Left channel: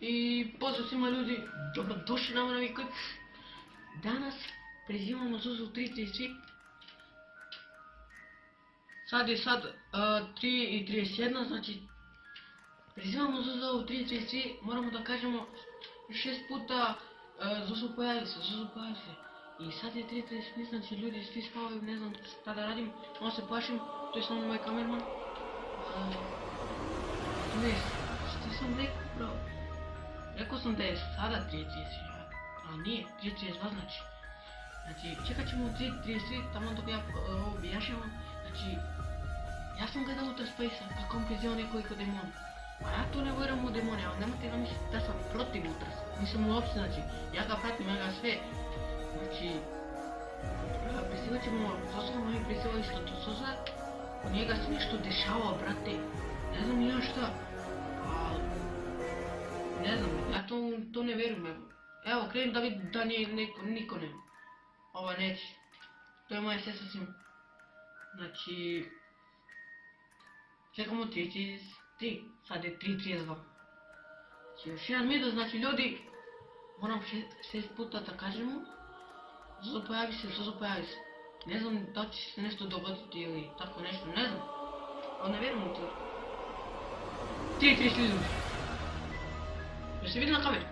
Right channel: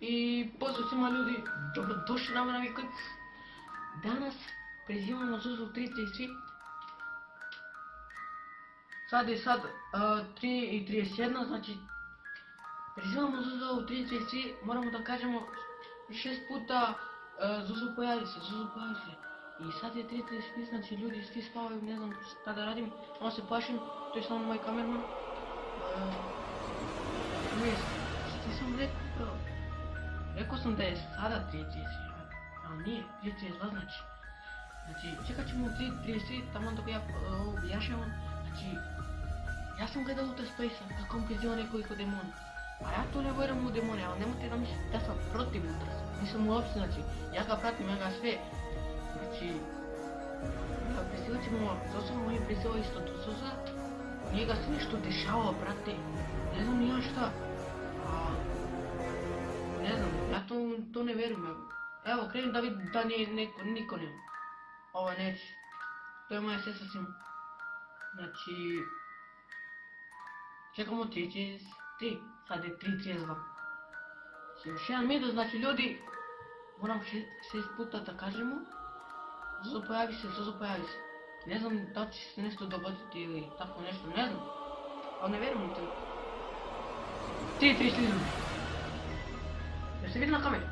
I pozdrav svima ljudi, dobrodošli na moj klip. Danas prizivamo Zuzu 333. Sad je 3:31, znači prizivamo Zuzu 333, moramo da kažemo 6 puta Zuzu pojavi se, Zuzu pojavi se. I sad je 3:33, znači ljudi svi spavaju, ne znam šta da radim, malo se plašim, to je samo moj kamerman. Ne, što sam rekao bro? Rekao sam da je sada 3:30, ali nije, 3:32 znači. Znači, čekat ćemo 3:30, tamo dok ja ovo objašnjavam. Znači, ja sam gledao Uta Space-a kako on prizivao nekoliko demona. A ja to ne vjerujem u demone, ali nemojte da mislite da sam protiv Utra. Nisam uopće, znači, ja ga pratim, ja ga sve. Znači, prizivat ćemo, Zosa moj prizivao isto do Zosa. U njega se nešto dešava, brate. Ne znam ja šta. Ali, ne znam, ja to ne vjerujem. Evo, krenim da vidim da niko nema. Ova neće. To je moja sestra svima. Znači, čekamo 3:33, sad je 3:32. Znači, još jedan minut, znači ljudi, moram 6 puta da kažemo. Zozo pojavi se, Zozo pojavi se. Ne znam da će se nešto dogoditi ili tako nešto, ne znam. Ali ne vjerujem u to. 3:33 ljudi. Jel se vidi na kameri?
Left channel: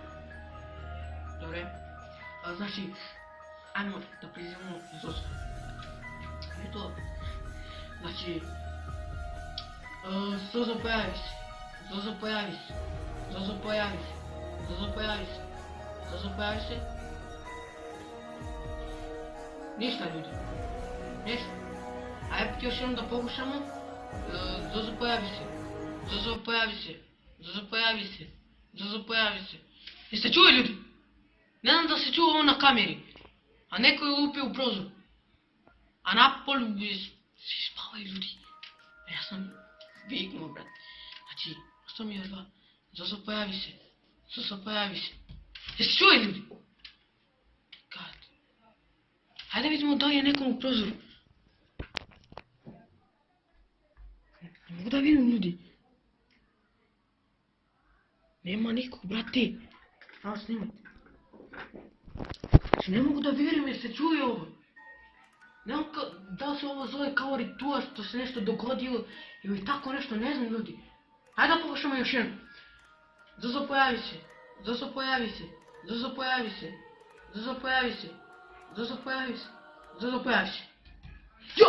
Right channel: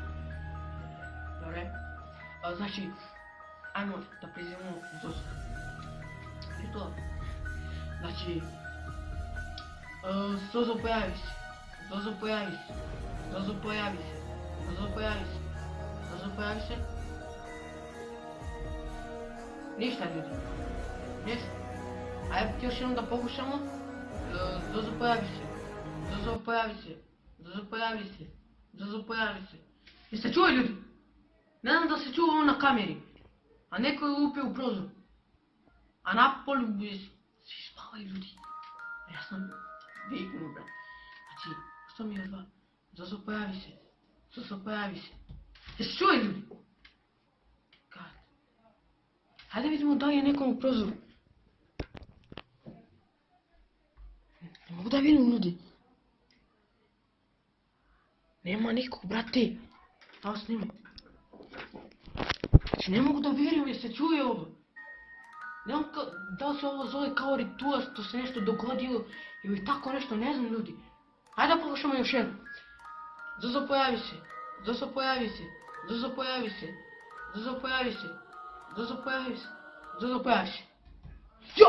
Dobre. Znači, ajmo da prizivamo Zozu. I to. Znači, Zozo pojavi se, Zozo pojavi se, Zozo pojavi se, Zozo pojavi se, Zozo pojavi se. Ništa ljudi, ništa. Ajde još jednom da pokušamo. Zozo pojavi se, Zozo pojavi se, Zozo pojavi se, Zozo pojavi se. Jeste čuli ljudi? Ne znam da se čuo ovo na kameri, a neko je lupio u prozor. A napolju svi spavaju ljudi. A ja sam viknuo, brate. Znači, što mi je dva? Zozo pojavi se, Zozo pojavi se. Jeste čuli ljudi? God. Hajde vidimo da li je nekom u prozoru. Ne mogu da vidim ljudi. Nema nikog, brate. Evo snimaj. Znači ne mogu da vjerujem jer se čuje ovo. Ne znam da li se ovo zove kao ritual, što se nešto dogodilo ili tako nešto, ne znam ljudi. Hajde da pokušamo još jednom. Zozo pojavi se, Zozo pojavi se, Zozo pojavi se, Zozo pojavi se, Zozo pojavi se, Zozo pojavi se. Jo!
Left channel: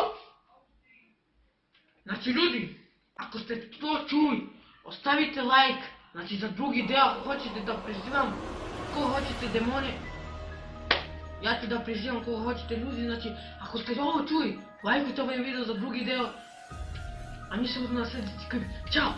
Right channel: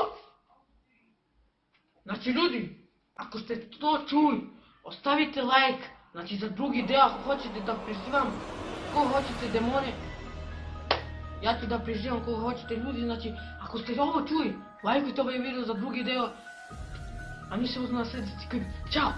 Znači ljudi, ako ste to čuli, ostavite like. Znači za drugi deo ako hoćete da prizivam ko hoćete demone. Ja ću da prizivam koga hoćete ljudi, znači ako ste ovo čuli, lajkujte ovaj video za drugi deo. A mi se uzmemo na sljedeći klip. Ćao!